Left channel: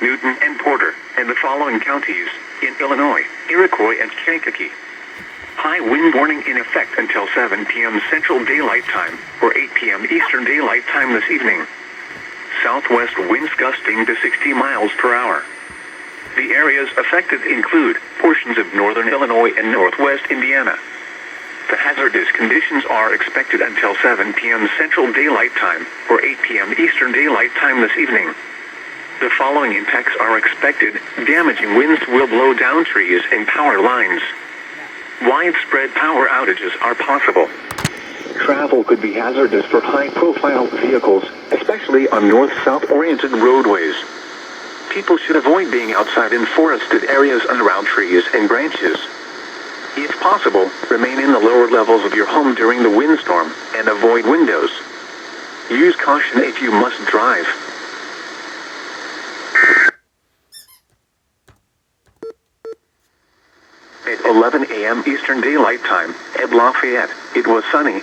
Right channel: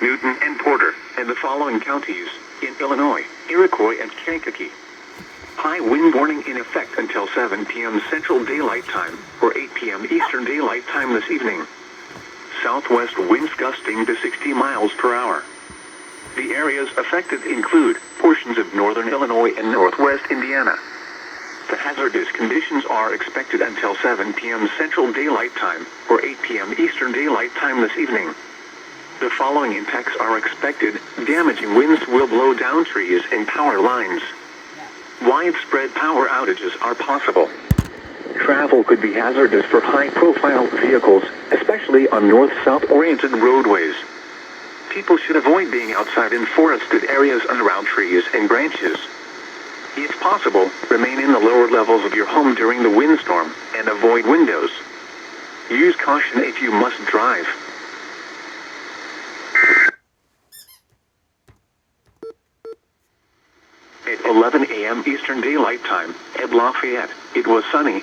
Newton, and Porter, and the following counties in Illinois, Iroquois, and Kankakee. High wind warning in effect until 7 p.m. Central Daylight Time, or 8 p.m. Eastern Daylight Time this evening. Southwest winds gusting to 60 miles per hour. The areas affected include portions of northern Illinois and northwest Indiana. The hazardous conditions are expected until 7 p.m. Central Daylight Time, or 8 p.m. Eastern Daylight Time this evening. The following impacts are expected. Damaging winds will blow down trees and power lines. Widespread power outages are possible. Travel could be hazardous for high-profile vehicles, especially on north-south oriented roadways. People should avoid being outside in forested areas and around trees and branches. If possible, remain in the lower levels of your home during the windstorm and avoid windows. Use caution if you must drive. At 11 a.m. Eastern Daylight Time, at Lafayette, it was sunny,